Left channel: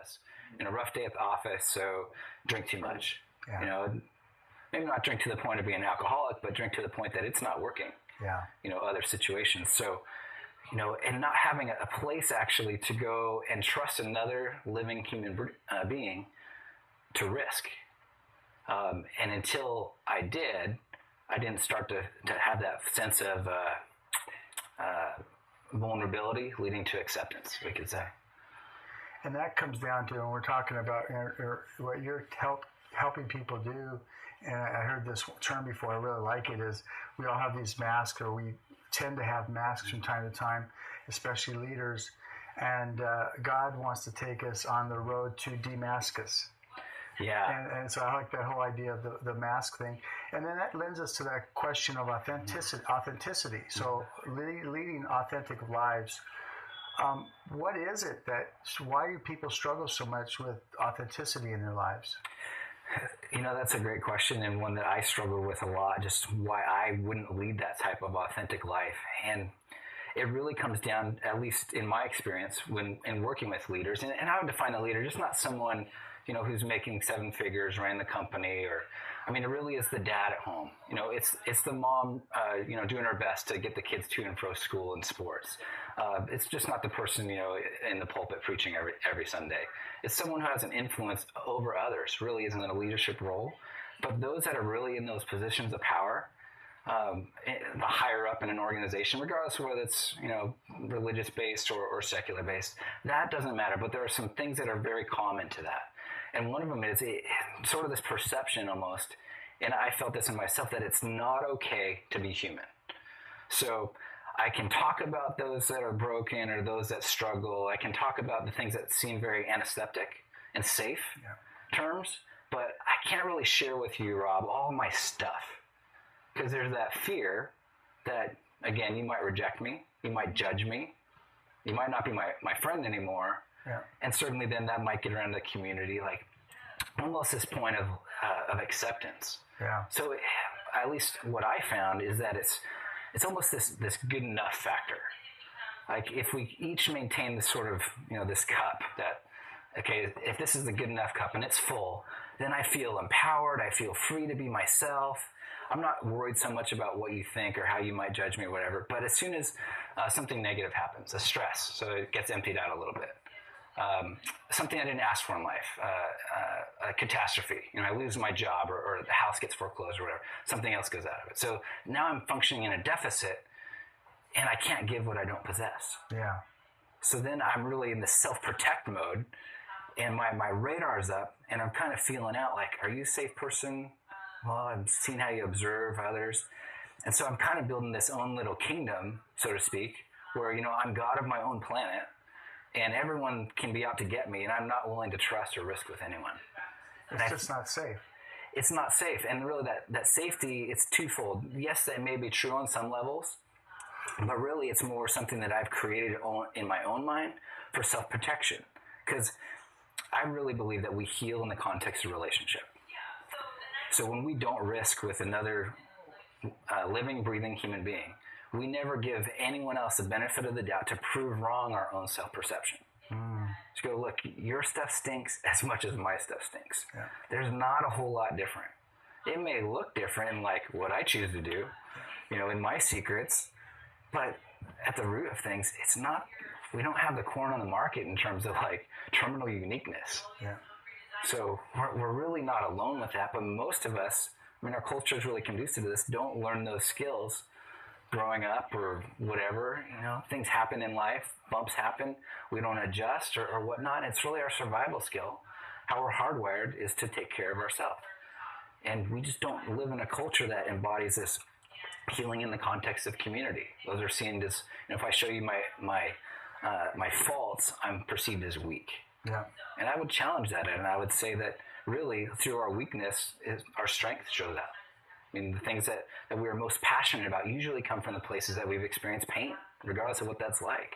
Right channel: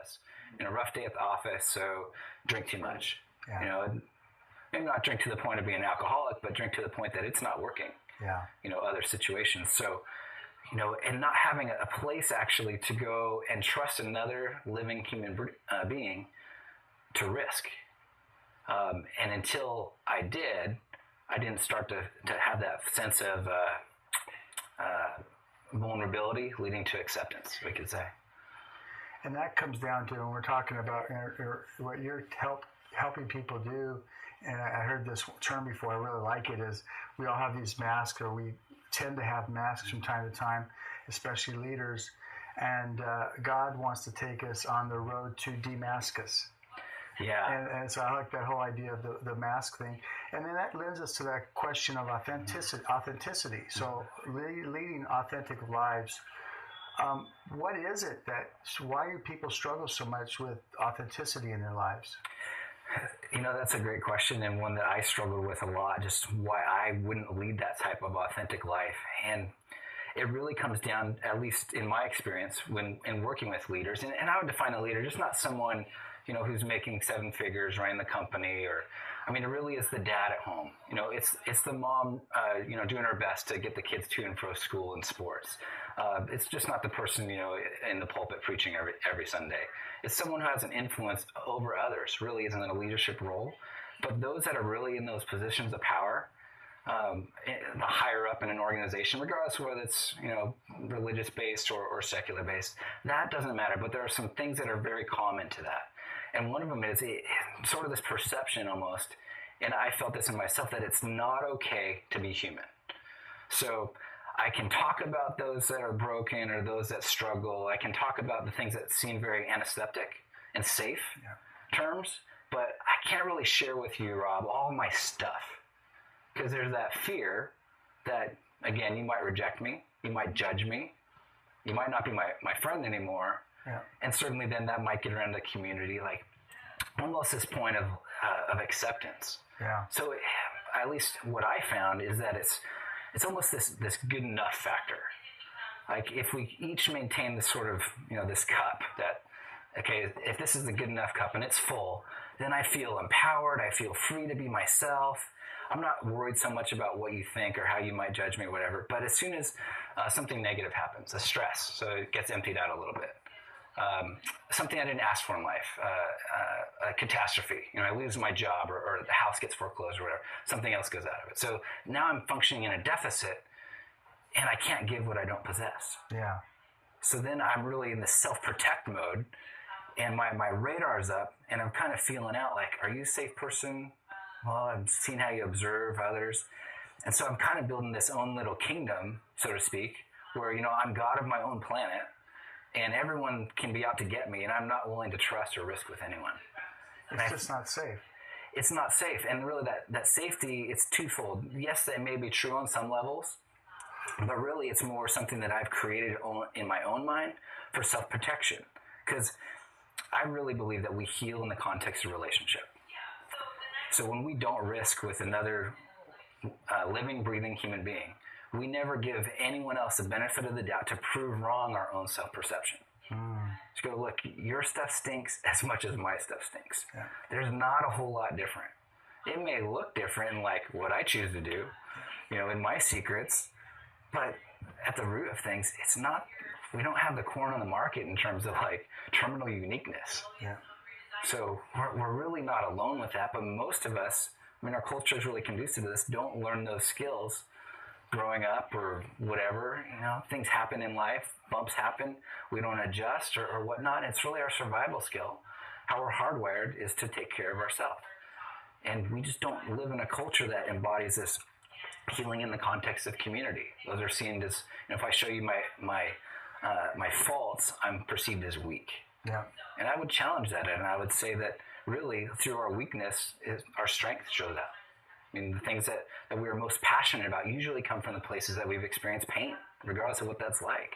was. A rough day at the office, so drink too much. Yeah. Maybe not drink to the point of being an alcoholic, but drink to the point that it's not working. Yeah. Other situations. So, and not having a place actually to go and trust another living human being to risk. And until I didn't start to have that sense of vulnerability leading to acceptance, we could say. And that comes down to, when we're talking about what you're helping people do, and I heard this term before, I really like it, is we all have these masks, or we tend to have masks from time to time, especially leaders, and God wants to take us on the road to Damascus. Yeah. And so I like that whole idea of the mask thing. And then that lends us to that question of authenticity. So leading authentic lives. What is it why do people struggle so much with authenticity in their lives? That's a great question, and one that I struggle with a lot, just why I wouldn't lead that type of authentic life. And it really comes down, at least in my experience, in working with leaders, and I would define a leader, just not someone, who's making 7 figures running the company, it really is the dad at home. It's the mom, doing her best to get the kids to and fro school and sports. It's just not the person, in the pulpit preaching every Sunday. It's someone who has an influence over others, really isn't in a leadership role. But those that are really in those positions of power, the higher up in an organization, regardless of whether it's, religious-based or secular-based, that doesn't matter. But there are some things that are very common to that. And one of them is sort of this perception almost, and I felt this in myself, that it's not okay to be human. So I can talk about those that are broken or those that struggle. I can talk about the things that seem very antiseptic and safe terms, but I can't really share with you, Rob, all my stuff. Because there's that fear that, again, you might reject me, you might judge me, you might not be my friend anymore. Yeah. And certainly then that might get around the community, like almost this point of acceptance. Yeah. So at least what I found is that it's almost this good enough factor. Like if we each maintain this sort of, this cup that, okay, if this is a good enough cup and it's full, then I feel empowered. I feel free to be myself. I'm not worried so much about what you think or how you might judge me or whatever. But as soon as something negative happens, a stress, so it gets emptied out a little bit. Something I didn't ask for in life, a catastrophe. I lose my job or the house gets foreclosed or whatever. Something else goes out of it. So now I'm functioning in a deficit and I can't give what I don't possess. Yeah. So then I'm really in the self-protect mode and my radar's up and I'm kind of feeling out like, are you a safe person? Well, I've seen how you observe others. And so I'm kind of building this own little kingdom, so to speak, where, I'm God of my own planet. And everyone can be out to get me, and I'm not willing to trust or risk with anyone. It's just not safe. It's not safe. And really that safety, it's twofold. Yes, that may be true on some levels, but really it's more something that I've created in my own mind for self-protection. Because I really believe that we heal in the context of relationship. So when we don't risk with another living, breathing human being, we never give anyone else the benefit of the doubt to prove wrong our own self-perception. Just go, look, your stuff stinks as much as my stuff stinks. Yeah. There's not a whole lot different. It may look different in like what I choose to do, in my secrets, but at the root of things, it's not, we don't have the corn on the market in terms of like terminal uniqueness. Yeah. So we're really not alone with that, but most of us, our culture is really conducive to this, don't learn those skills growing up or whatever. Things happen in life, bumps happen, we don't adjust or whatnot. It's really our survival skill. How we're hardwired is to take care of ourselves. And we just don't live in a culture that embodies this healing in the context of community. Those are seen as, if I show you my faults, I'm perceived as weak. Yeah. And I would challenge that, and I would say that really through our weakness, our strength shows up. The things that we are most passionate about usually come from the places that we've experienced pain, regardless of what that's like.